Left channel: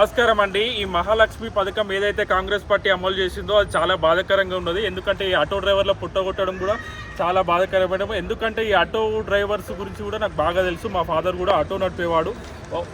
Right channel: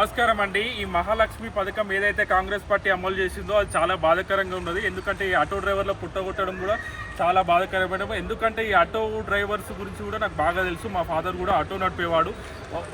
నమస్కారం అండి. ఈ మహాలక్ష్మి పథకం ఏదైతే కాంగ్రెస్ పార్టీ అమలు చేసిందో అది చాలా బాధాకరంగా ఉన్నది. ఎందుకంటే ఈ ఆటో డ్రైవర్ల పుట్టగొట్టడం కూడా చాలా బాధాకరమైన. ఎందుకంటే ఈ ఆటో డ్రైవర్స్ గురించి కూడా నాకు బాగా తెలుసు. మా ఫాదర్ కూడా ఆటో నడిపేవాడు.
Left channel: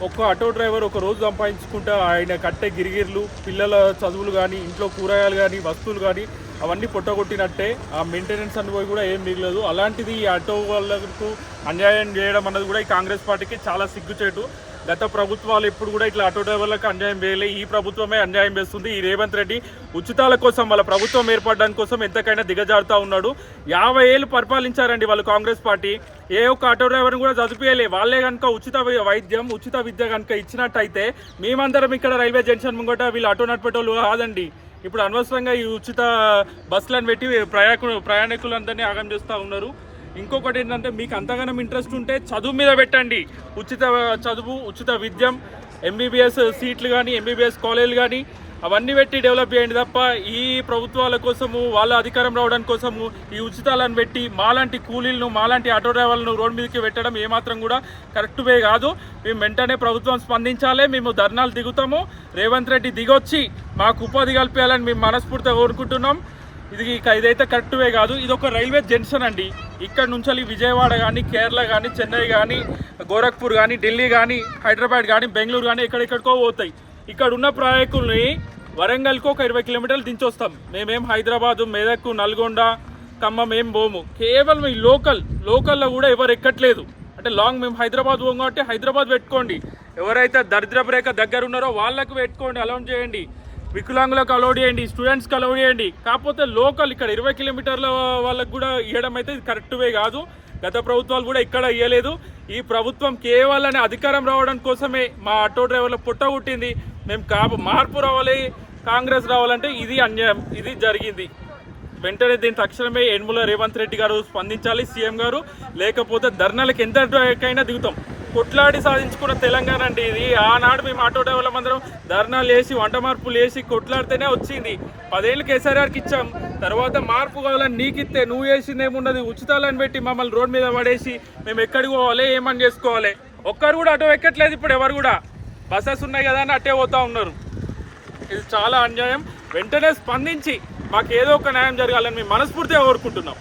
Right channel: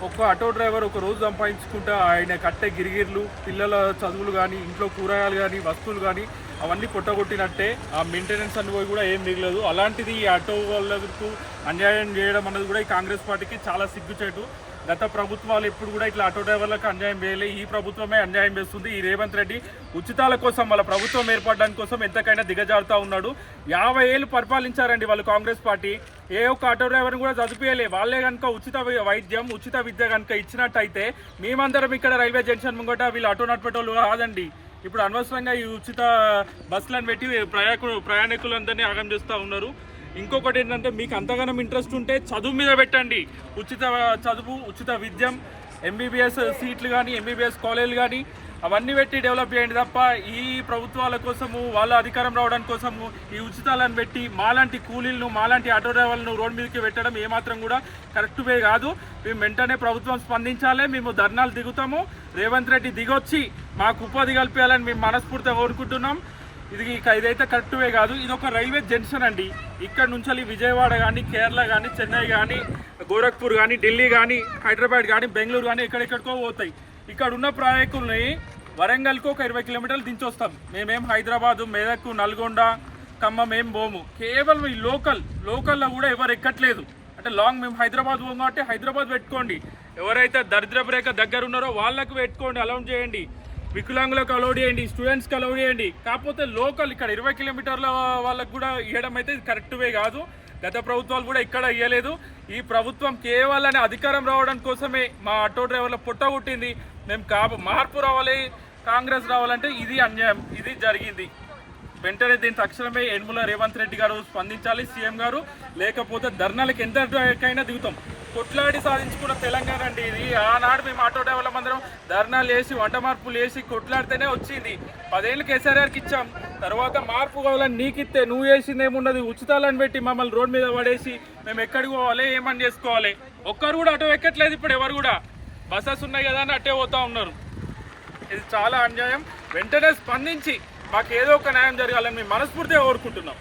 ఒక ఆటో డ్రైవర్ ఒక రోజు సంపాదించుకుంటే ఆయన కట్టే గిరిగిర్లు, పిల్లల చదువులు కానీ, ఇంట్లో కూరగాయలు కానీ, వస్తువులు కానీ అవన్నీ పుట్టగొట్టినట్టే. ఆ మెయింటెనెన్స్ అనుభవం కూడా ఏం మిగలదు. అలాంటిది ఈ ఆటో వాళ్ళకు అన్యాయం చేయడం అన్నది కూడా ఈ కాంగ్రెస్ పార్టీకి చాలా సిగ్గుచేటు. గత ప్రభుత్వాలు ఎప్పుడు కూడా ఇట్లా ఆటో డ్రైవర్లకు అన్యాయం చేయలే. ఈ ప్రభుత్వమే అన్యాయం చేస్తుంది. ఈ రేవంత్ రెడ్డి ఉచితాల కోసం, వాళ్ళ ప్రభుత్వం ఏర్పడడానికి కోసం ఎంతకైనా దిగజారుతూ ఉన్నాడు. 50 ఏళ్ళు పరిపాలించారండి వాళ్ళు కాంగ్రెస్ పార్టీ. ఏ ఒక్క ఆటో డ్రైవర్ని కూడా చదివేయలే. వాళ్ళే కనుక ఉచిత వైద్యం, ఉచిత విద్య కనుక ఇచ్చినట్టయితే మేమందరం ఇక్కడ రైల్వే జంక్షన్ ముంగట వీళ్ళు ఆటో నడిపేటోళ్ళు కాదండి. ఇప్పుడు అనవసరంగా ఈ ఉచిత బస్సులను పెట్టి ప్రయాణికులందరినీ ఆగం చేస్తూ ఉన్నారు. ఇంకొకటి ఏంటంటే, మీకు అంతగానం ఇంట్రెస్ట్ ఉంటే చదువు మీద పెట్టండి. ఉచిత చదువు, ఉచిత విద్యం, ఎంబీబీఎస్ సీట్లు కానీ, ఎంబీబీఎస్ కాలేజీలు కానీ అవన్నీ పెట్టి డెవలప్ చేయండి తప్ప ఈ ప్రభుత్వాల కోసము, వాళ్ళ అధికారం రావడానికి కోసము ఈ ఉచితాలను పెట్టి మాలాంటి కూలీలను, మాలాంటి ఆటో డ్రైవర్లను రోడ్డు మీదకి పెట్టడం ఏమాత్రం కూడా కరెక్ట్ వే కాదు. మేము వెంటనే ప్రభుత్వం స్పందించాలి. మేము ధర్నాలు దిగుతాము. రేవంత్ రెడ్డి దిగొచ్చి మాకు ఉపాధి కల్పించాలని మేము మనస్ఫూర్తిగా కోరుకుంటున్నాం. ఇదైతే కరెక్ట్ వే కాదు. ఇది ఒక రైల్వే జంక్షన్ అండి. ఇక్కడ నుంచి విజయవాడ కానీ, కేరళ కానీ, చెన్నై కానీ, గోరఖ్పూర్ కానీ, ఢిల్లీ కానీ, హైదరాబాద్ కానీ, బెంగళూరు కానీ ఎక్కడెక్కడికో పోతాయి. ఇక్కడ ఉన్న ప్రయాణికుల్ని వరంగల్కి ఒక 20 కిలోమీటర్లు దించొస్తాం. మేమేం హైదరాబాదు, మెదక్, నల్గొండ, ఖమ్మం ఏం పోము. కేవలం ఈ లోకల్లో కూడా ఎవరు ఎక్కట్లేదు. అంటే లాంగ్ మేము హైదరాబాద్ పోము కాబట్టి హైదరాబాద్ పెట్టుకోండి. ఎవరైతే దరిద్రపు రేఖ దగ్గర ఉన్నారో వాళ్ళకు పెట్టుకోండి, అలౌట్ చేయండి. వికలాంగులకు అలౌడ్ చేయండి, స్టూడెంట్స్కి అలౌడ్ చేయండి. కాకపోతే లోకల్ ఇక్కడ 20 కిలోమీటర్ల వాళ్ళకు కూడా ఇవ్వడం అయితే కరెక్ట్ వే కాదు. గత ప్రభుత్వాలు కూడా ఇక్కడ ఇవ్వలేదు. ఈ ప్రభుత్వం కేవలం అధికారం రావడం కోసమే మా ఆటో డ్రైవర్ల పుట్టగొట్టింది. మేము మార్పు రావాలి, కాంగ్రెస్ రావాలంటే ఇది అన్యాయం, ఇది జరిగింది. వెంటనే దీని తక్షణమే యనమల రేవంత్ రెడ్డి గారు స్పందించాలి, సీఎం గారు. లేకపోతే ధర్నాలకు ఎంతకైనా దిగుతాం. కొట్లాడి సాధించుకున్న తెలంగాణ అండి ఇది. ఆనాడు మేము ఆటో డ్రైవర్ల అందరం ధర్నాలు వేసి, వంట మార్పులు వేసి కొట్లాడితేనే వచ్చింది. 10 ఏళ్ళు కేసీఆర్కి ఇచ్చాం. తర్వాత మార్పు కావాలని నీకిస్తే నువ్వు చేసింది ఏమున్నది? ఉచితాలను పెట్టి మమ్మల్ని రోడ్ మీద పడేసి మేము ఎక్కడికి పోవాలి, ఏమని చేసుకోవాలి? ఒక్కరు కూడా ఆటో ఎక్కట్లేదు. ఇప్పుడు ఎవరు కూడా బస్సెస్ ఉన్నాయి కదా అని అట్టే పోతూ ఉన్నారు. ఇది చాలా అన్యాయం. వెంటనే స్పందించి మాకు ఏదో ఒక న్యాయం జరగాలని మేము మనస్ఫూర్తిగా కోరుకుంటున్నాం.